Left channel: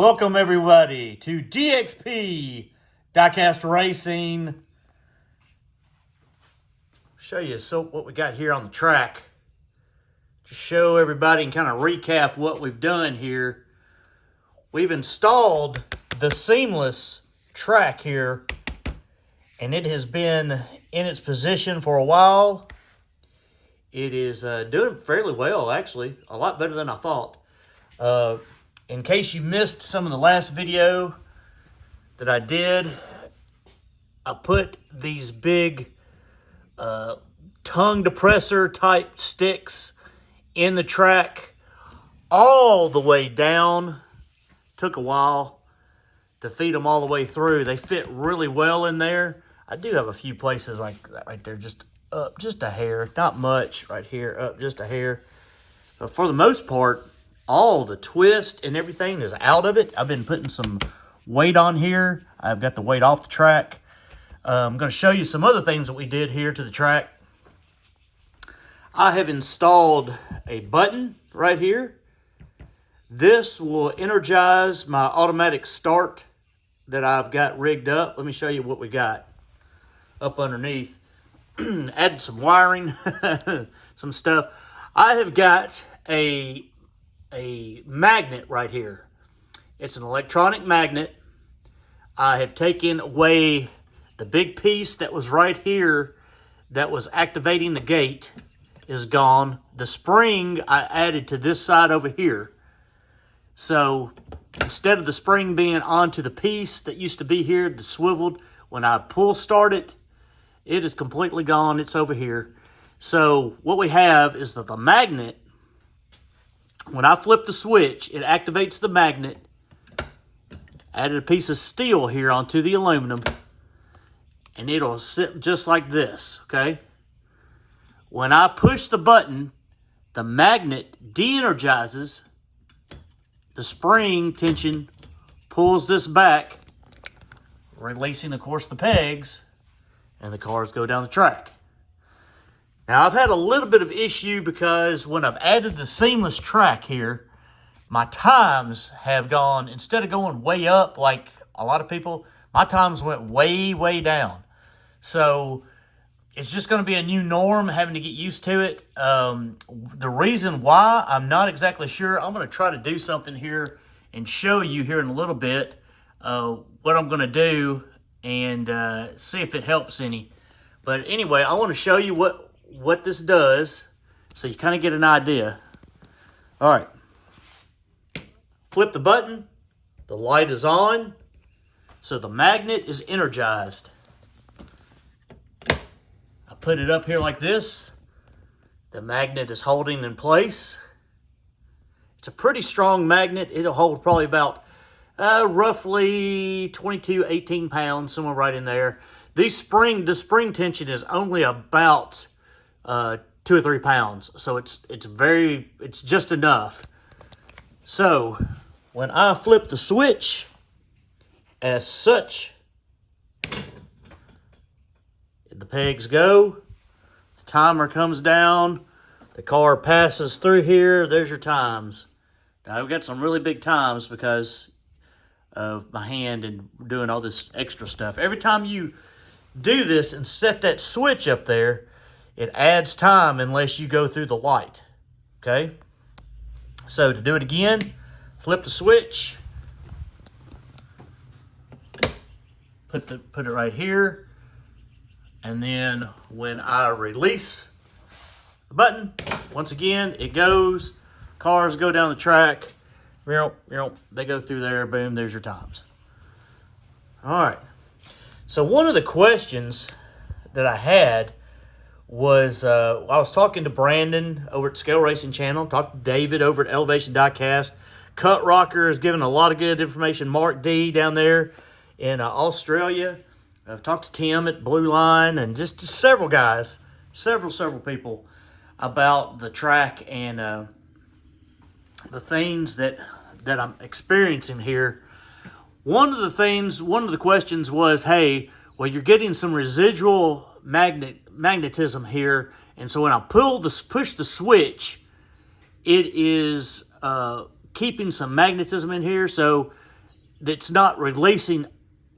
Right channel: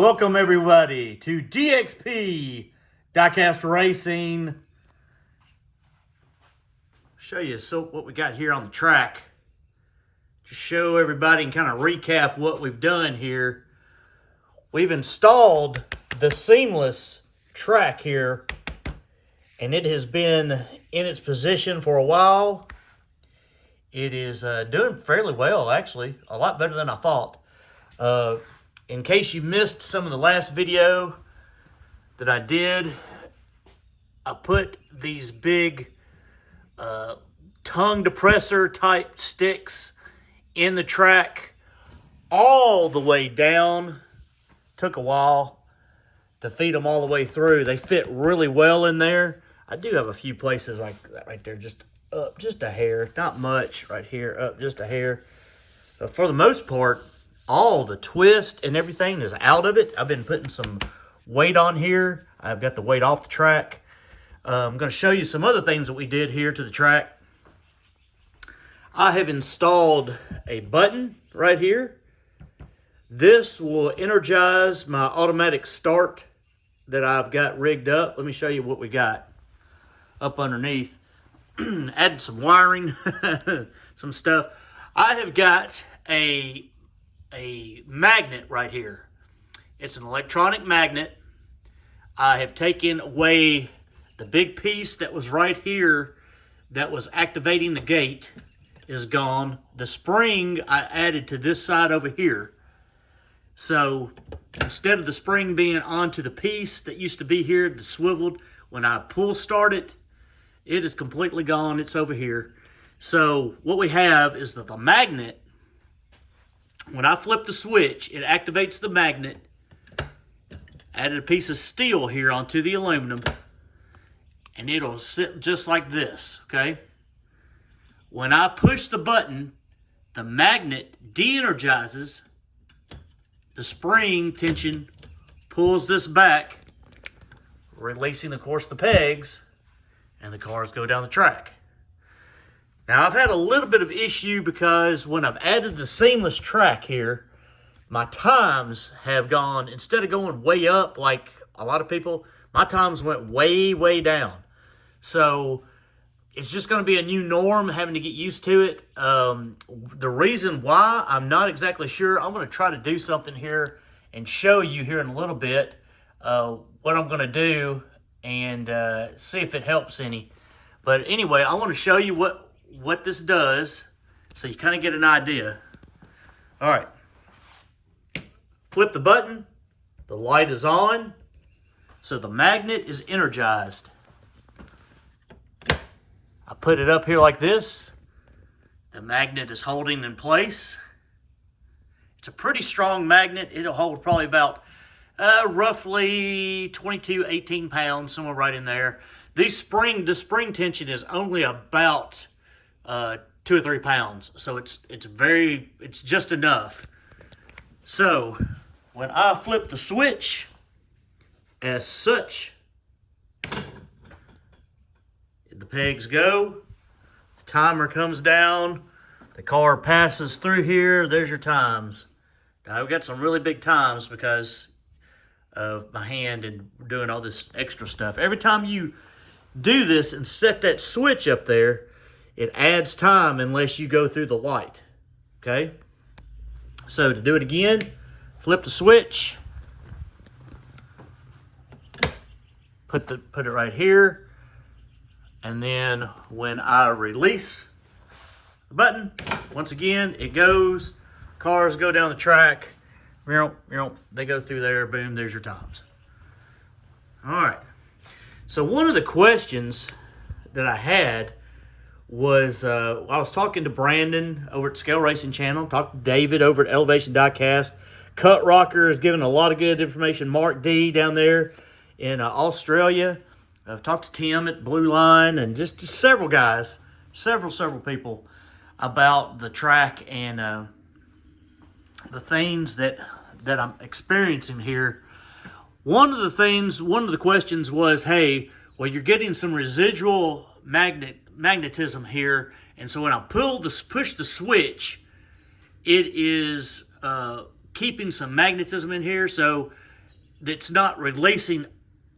Welcome everybody to DXP Diecast Racing. Show you what we got here on the track. Just show everybody and kind of recap what we've done here. We've installed the seamless track here, and it has been in its position for a while. It is doing fairly well, actually, a lot better than I thought. In case you missed some of the last video that I did, I put these big tongue depressor type sticks in the track all the way down. Took a while to feed them all the way through. They fit really well in there. I do have a few places like that right there, just up just a hair, not much right here, up just a hair. But for the most part, all the twist and everything is out of it. I've been putting some weight on here. I've got the weight off the track. I'm going to show you some other things that we did here to the track. I have installed a button right here. This will energize my automatic start that I've got rigged up. Let me show you what we got up underneath. Added some wiring, some stuff. I have got a magnet right here. It's an electronic magnet. I have taken away the big piece that was right here that was activating the gate is gone. The spring I added to this side over here. So instead of the spring being onto the piece that used to be here, the swiveled, when I pull start it, it is completely gone. It's over here. So what we have is that the magnet, when I flip the switch, it activates the magnet. Added a piece of steel here onto the aluminum, and it'll sit just like this, okay? When I push the button, the magnet de-energizes. The spring tension pulls this back, releasing, of course, the pegs, and the cars go down the track. Now, I've had a little bit of issue because when I've added the seamless track here, my times have gone, instead of going way up like a lot of people, my times went way, way down. So it's just going to be a new norm, having to get used to it. The reason why, I'm not exactly sure. I'm going to try to do something here and show you here in a little bit what I'm going to do and see if it helps any. But anyway, I want to show you what this does so you kind of get an idea. All right. Flip the button. The light is on. So the magnet is energized. I put it up here like this. The magnet is holding in place. It's a pretty strong magnet. It'll hold probably about roughly 22, 18 pounds, somewhere right in there. The spring tension is only about 2 or 3 pounds. So it's just enough. So when I flip the switch as such, the pegs go, the timer comes down, the car passes through here, there's your times. Now I've got some really big times because of my hand and doing all this extra stuff. Every time you do this and set that switch up there, it adds time unless you go through the light, okay? So to do it again, flip the switch, put it right here, and then when I release the button, once again, it goes, cars go down the track, they go through there, boom, there's your times. All right. So one of the questions that I had was, I was talking to Brandon over at Scale Racing Channel, talked to David over at Elevation Diecast. Cut Rocker has given a lot of good information. Mark D down there in Australia. I've talked to Tim at Blue Line and just several guys, several people about the track and the things that I'm experiencing here. One of the questions was, hey, well, you're getting some residual magnetism here, and so when I push the switch, it is keeping some magnetism in here. So that's not releasing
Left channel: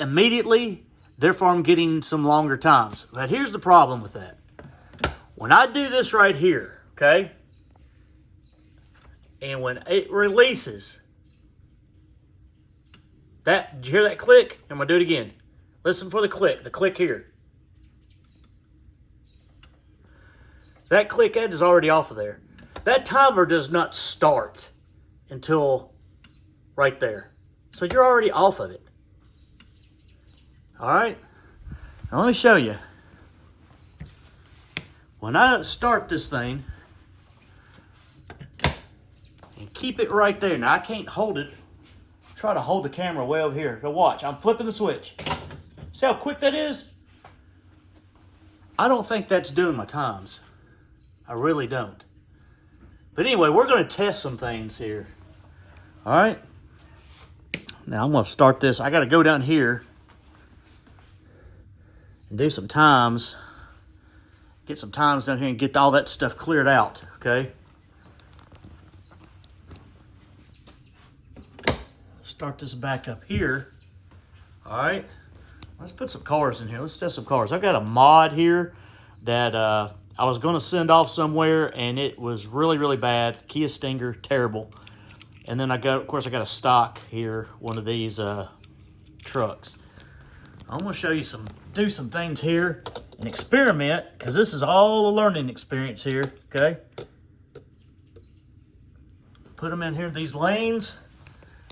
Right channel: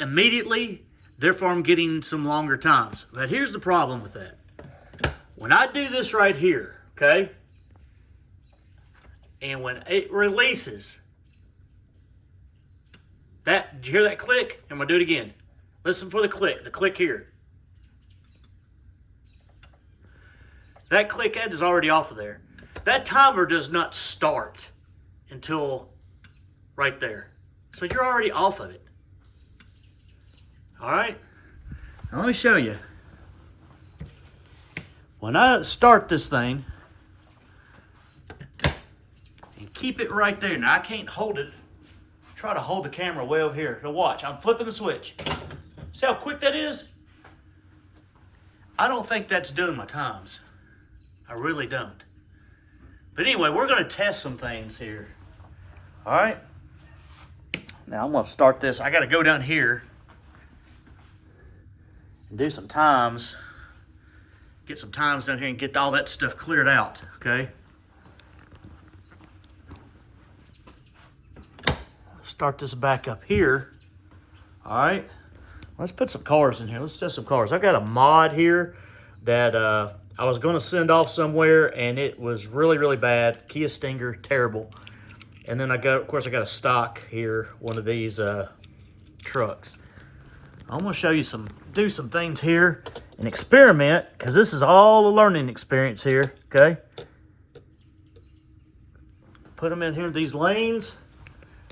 immediately, therefore I'm getting some longer times. But here's the problem with that. When I do this right here, okay, and when it releases, did you hear that click? I'm going to do it again. Listen for the click here. That click end is already off of there. That timer does not start until right there. So you're already off of it. All right, now let me show you. When I start this thing, and keep it right there. Now I can't hold it. Try to hold the camera way over here. Now watch, I'm flipping the switch. See how quick that is? I don't think that's doing my times. I really don't. But anyway, we're going to test some things here. All right. Now I'm going to start this. I got to go down here and do some times. Get some times down here and get all that stuff cleared out, okay? Start this back up here. All right. Let's put some cars in here. Let's test some cars. I've got a mod here that I was going to send off somewhere, and it was really, really bad. Kia Stinger, terrible. And then of course, I got a stock here, one of these trucks. I'm going to show you do some things here and experiment, because this is all a learning experience here, okay? Put them in here, these lanes.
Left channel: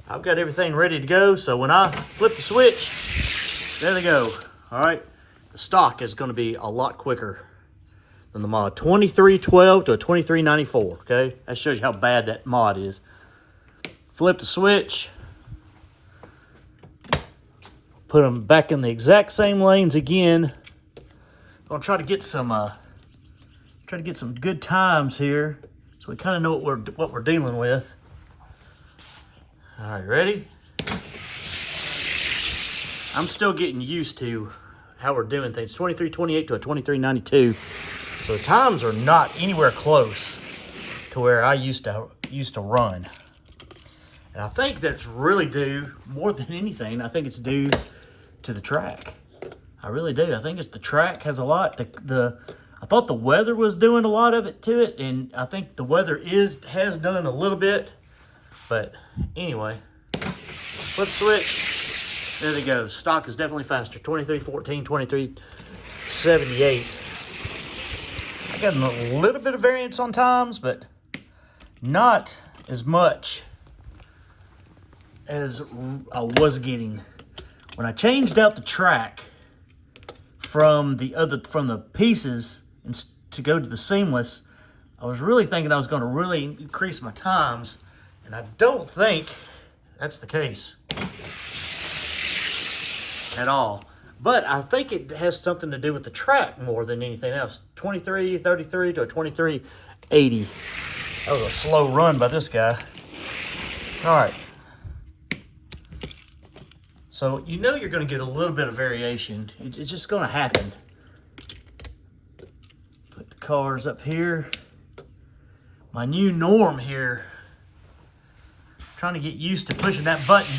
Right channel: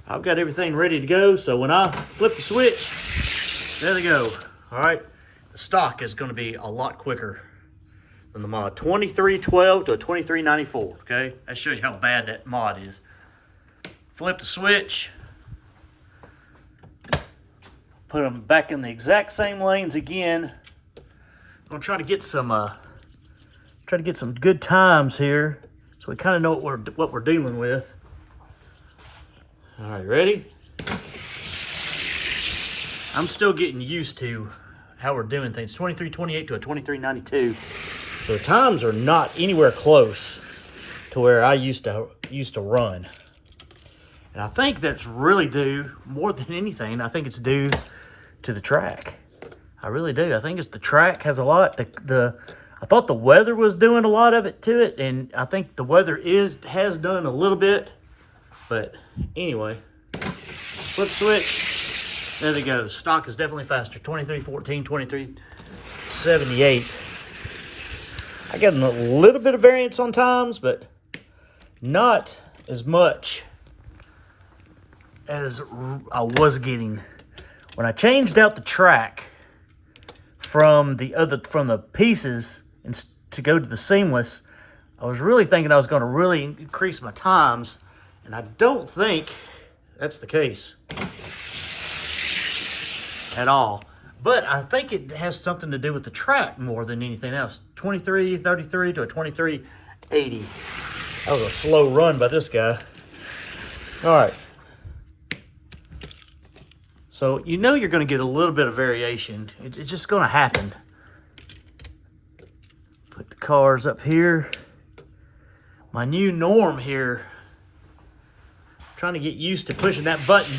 I've got everything ready to go, so when I flip the switch, there they go. All right, the stock is going to be a lot quicker than the mod. 2312 to a 2394, okay? That shows you how bad that mod is. Flip the switch. Put them back in the exact same lanes again. I'm gonna try to get some good times here, so we kind of know what we're dealing with. All right, ready? I'm still getting used to how we're doing things. 2328 to a 2392. So the times are not anywhere close to where I used to run. And I think that's really due, more than anything, I think it's due to the track. I really do. I think it's the track has a lot. I thought the weather was doing a lot of it to it, and I think the weather has done a little bit. But anyway, flip switch. There they go. The stock is definitely faster. 2314, 2378. I got a little bit of variance on times, but not as much as I was getting when I changed out the track from the pieces and to go to the seamless. I was really thinking I was going to really increase my times, and I don't think that's the case at all. But I think it has something to do with the track more than anything else. 2333 to a 2380. That was a slow run by this guy. All right. So you know you're going to get a little bit of variation. It's just going to happen. Put the cars up here. My new norm here. Trying to get used to pushing that button,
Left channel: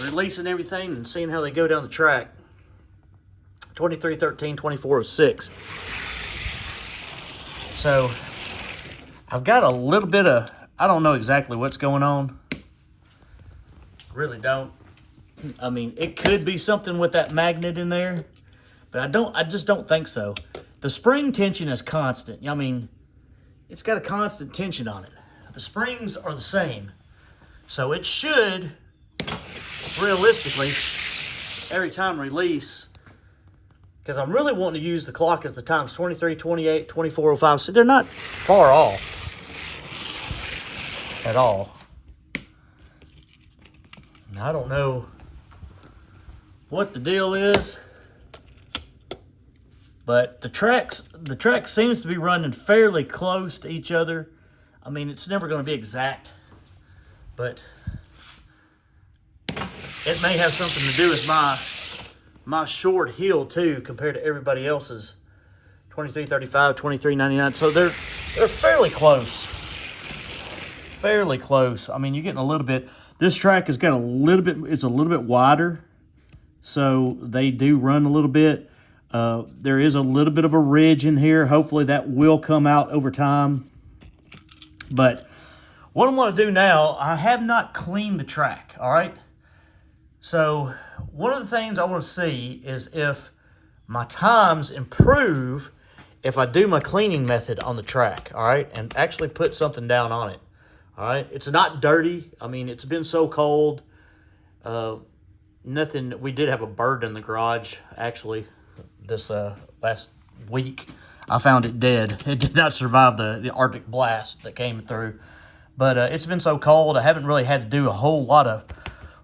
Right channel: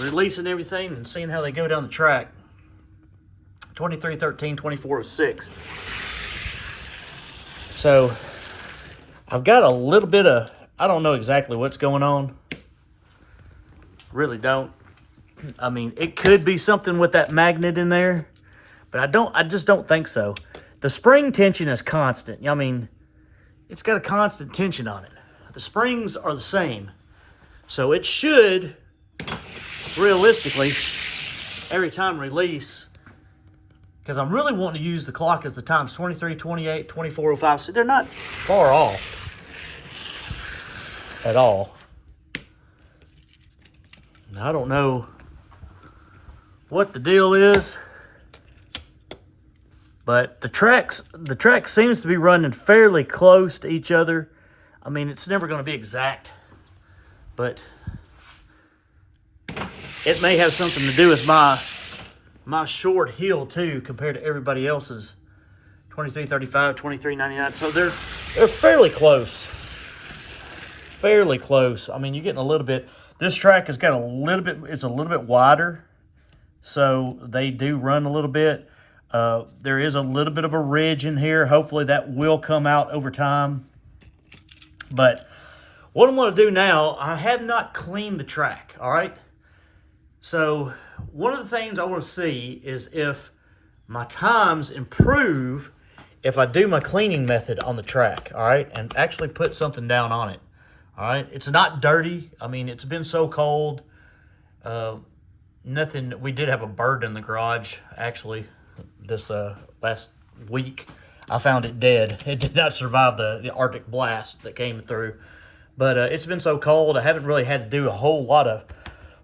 releasing everything, and seeing how they go down the track. 2313, 2406. So I've got a little bit of, I don't know exactly what's going on. Really don't. I mean, it could be something with that magnet in there, but I just don't think so. The spring tension is constant. I mean, it's got a constant tension on it. The springs are the same. So it should, realistically, every time release, because I'm really wanting to use the clock as the times, 23, 28, 2405, so they're not far off at all. Now, I don't know what the deal is, but the track seems to be running fairly close to each other. I mean, it's never going to be exact, but it may have something to do with my short heel too, compared to everybody else's. 2335, 2399. So they're fairly close. Fairly close. I mean, you're getting a little bit. This track has got it's a little bit wider, so they do run a little bit. There is a little bit of a ridge in here. Hopefully that will come out over time. But what I'm going to do now, I have not cleaned the track, all right? So one of the things I want to see is if my times improve if I do my cleaning method on the track, all right? And actually put something down on it, all right? It's not dirty. I mean, it's been so cold. Nothing, we did have a bird in the garage, actually, this last week. I found it dead. It did not survive the Arctic blast that came through. But it's been so cold, I haven't really had to do a whole lot of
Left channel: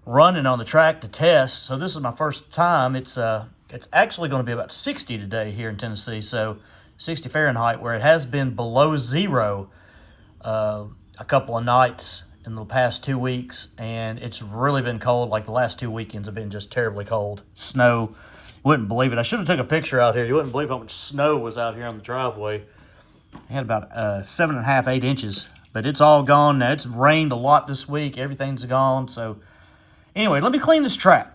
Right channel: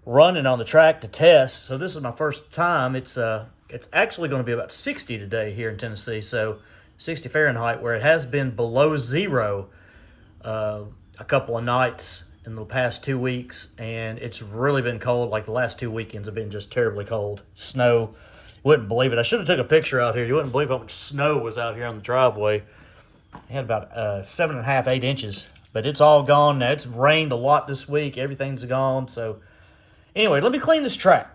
running on the track to test. So this is my first time. It's actually going to be about 60 today here in Tennessee. So 60 Fahrenheit, where it has been below zero a couple of nights in the past 2 weeks. And it's really been cold. Like the last 2 weekends have been just terribly cold. Snow. Wouldn't believe it. I should have took a picture out here. You wouldn't believe how much snow was out here on the driveway. I had about 7.5, 8 inches, but it's all gone now. It's rained a lot this week. Everything's gone. So anyway, let me clean this track,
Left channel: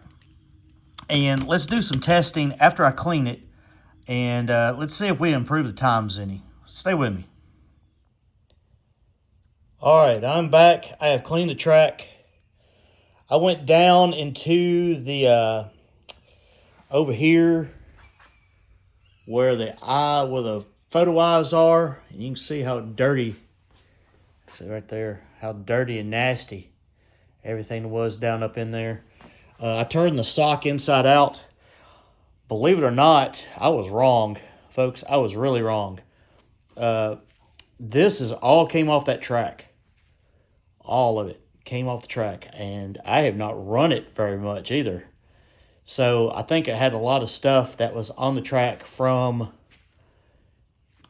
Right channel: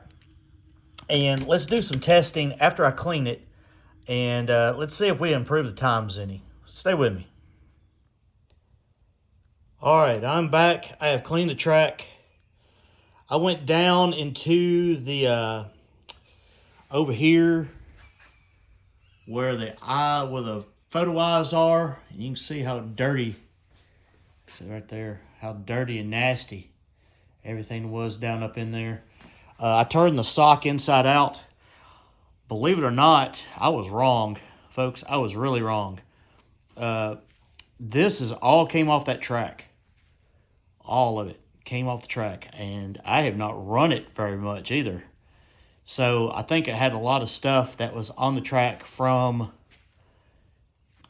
and let's do some testing after I clean it, and let's see if we improve the times any. Stay with me. All right, I'm back. I have cleaned the track. I went down into the over here where the photo eyes are. You can see how dirty, see right there, how dirty and nasty everything was down up in there. I turned the sock inside out. Believe it or not, I was wrong, folks. I was really wrong. This is all came off that track. All of it came off the track, and I have not run it very much either. So I think it had a lot of stuff that was on the track from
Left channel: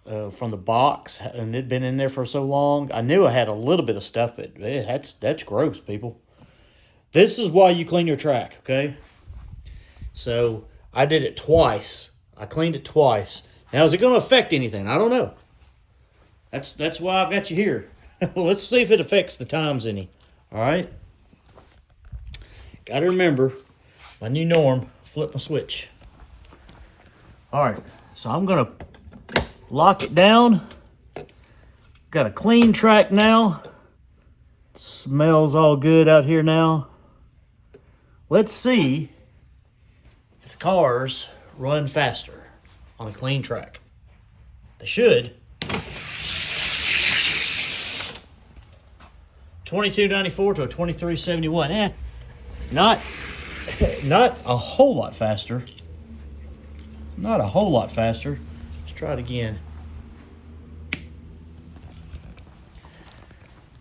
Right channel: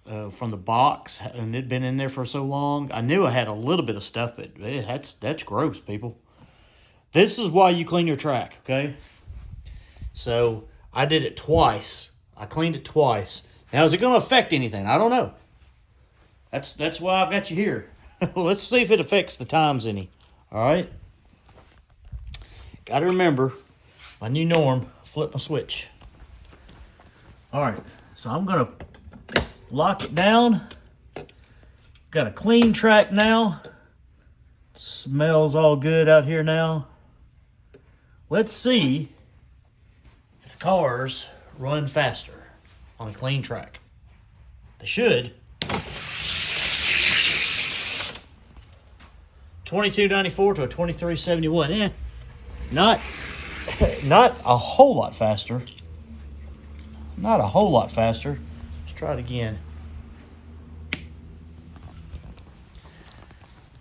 the box, and it'd been in there for so long. I knew I had a little bit of stuff, but that's gross, people. This is why you clean your track, okay? So I did it twice. I cleaned it twice. Now, is it going to affect anything? I don't know. That's why I've got you here. Let's see if it affects the times any. All right? Got to remember, my new norm, flip my switch. All right, so I'm going to lock it down. Got a clean track now. Smells all good out here now. Let's see if the cars run faster on a clean track. They should. 2294 to a 2371. Not a whole lot faster. Not a whole lot faster. Let's try it again.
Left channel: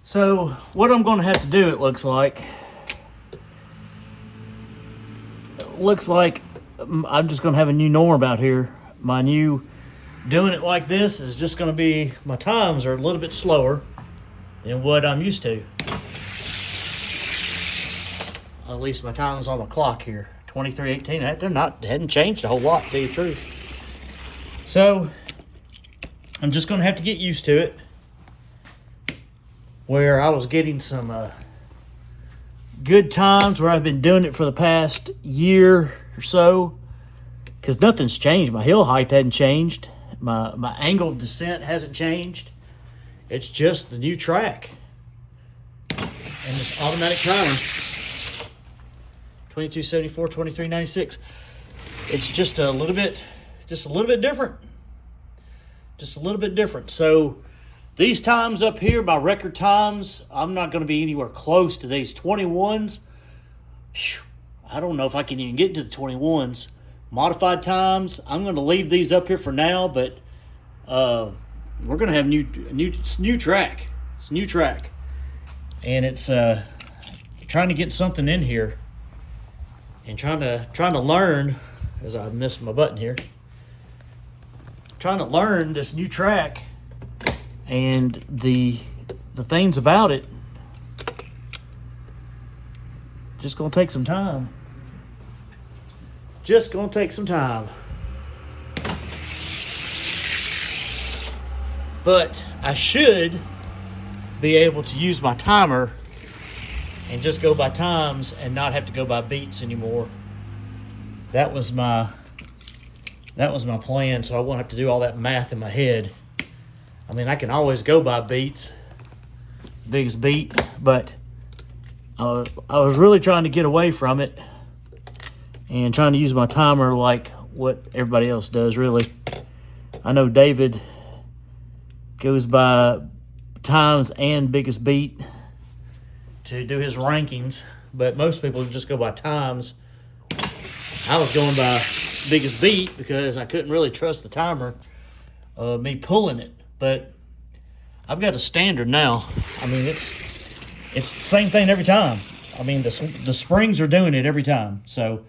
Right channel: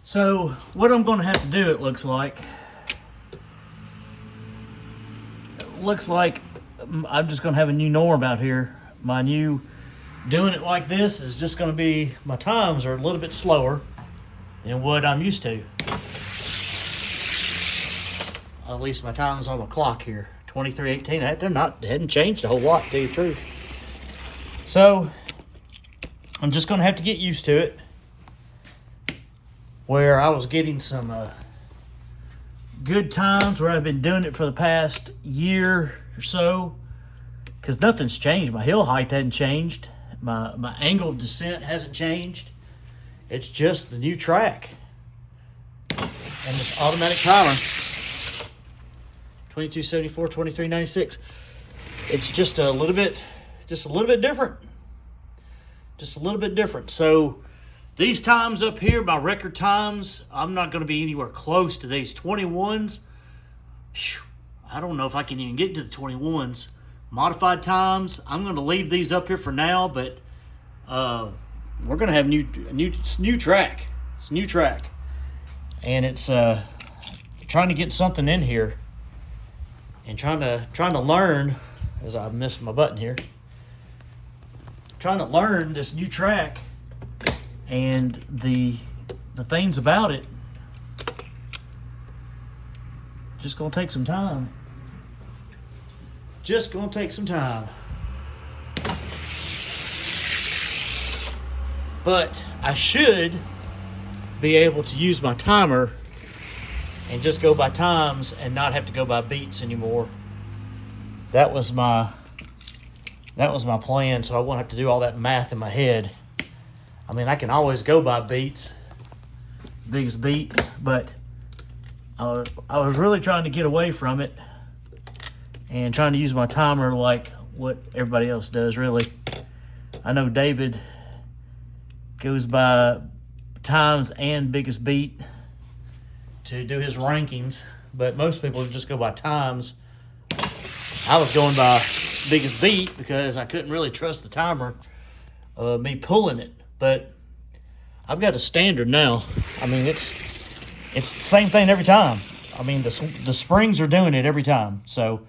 So what I'm going to have to do, it looks like I'm just going to have a new norm out here. My new doing it like this is just going to be, my times are a little bit slower than what I'm used to. At least my time's on the clock here, 23:18. They hadn't changed a whole lot, to tell you the truth. So I'm just going to have to get used to it. Where I was getting some good times, where I've been doing it for the past year or so, because nothing's changed. My hill height hasn't changed. My angle of descent hasn't changed. It's just the new track and this automatic timer. 2274, 2396. It's just a little bit different. Just a little bit different. So these times up here, my record times, I'm not going to be anywhere close to these 21s. Whew, I don't know if I can even get to the 21s. Modified times, I'm going to leave these up here for now, but we're going to have new track. It's a new track. And it's trying to get something in here. And trying to learn, as I missed my button here, trying to learn this new track and the things about it. Just gonna take some time. Just gonna take some time. But I should be able to use my timer and just go by times and not have to go by beats anymore. That was my plan, so I won't have to do all that math in my head. I mean, I can always go by beats, biggest beat, but I was really trying to get away from it and trying to use my timer like what everybody else does, really. I know David goes by times and biggest beat to do his rankings, but most people just go by times. I was going by biggest beat because I couldn't really trust the timer, me pulling it. But I've got a standard now. I mean, it's the same thing every time. I mean, the springs are doing it every time. So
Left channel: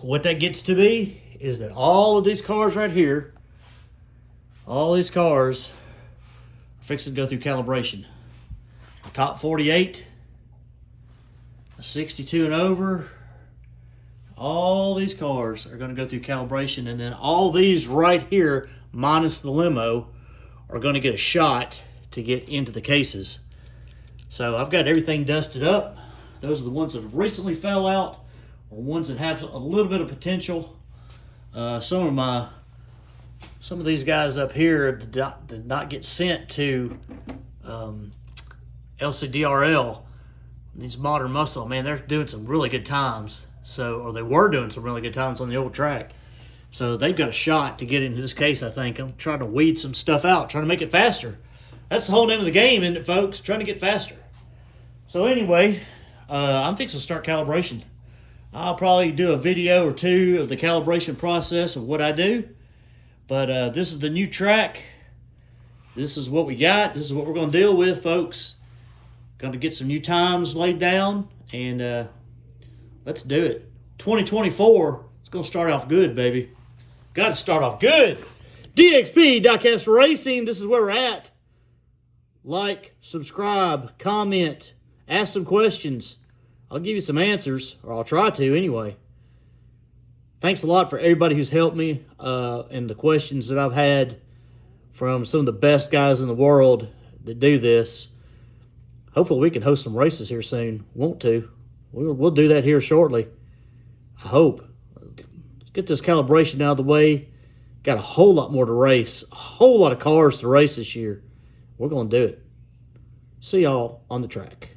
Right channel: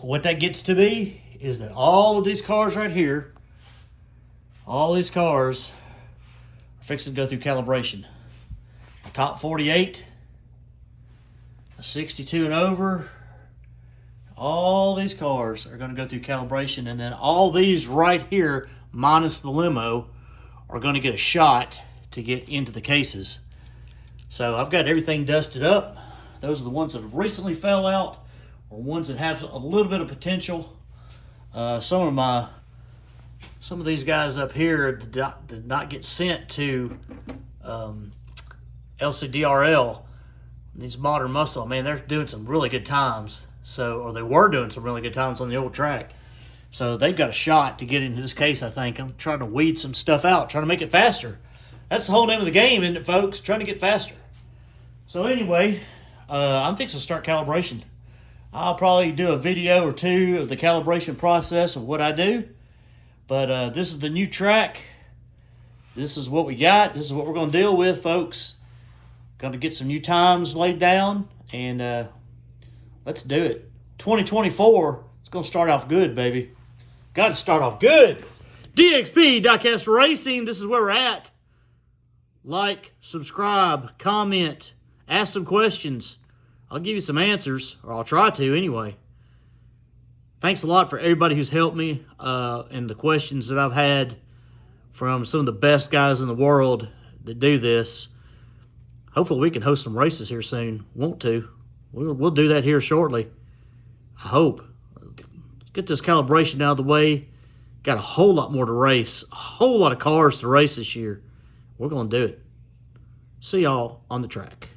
what that gets to be is that all of these cars right here, all these cars are fixing to go through calibration. A top 48, a 62 and over, all these cars are going to go through calibration, and then all these right here, minus the limo, are going to get a shot to get into the cases. So I've got everything dusted up. Those are the ones that have recently fell out, or ones that have a little bit of potential. Some of these guys up here did not get sent to LCDRL. These modern muscle, man, they're doing some really good times. Or they were doing some really good times on the old track. So they've got a shot to get into this case, I think. I'm trying to weed some stuff out, trying to make it faster. That's the whole name of the game, isn't it, folks? Trying to get faster. So anyway, I'm fixing to start calibration. I'll probably do a video or two of the calibration process of what I do. But this is the new track. This is what we got. This is what we're going to deal with, folks. Going to get some new times laid down, and let's do it. 2024, it's going to start off good, baby. Got to start off good. DXP, Diecast Racing, this is where we're at. Like, subscribe, comment, ask some questions. I'll give you some answers, or I'll try to anyway. Thanks a lot for everybody who's helped me and the questions that I've had from some of the best guys in the world that do this. Hopefully we can host some races here soon. Want to. We'll do that here shortly. I hope. Let's get this calibration out of the way. Got a whole lot more to race. A whole lot of cars to race this year. We're going to do it. See y'all on the track.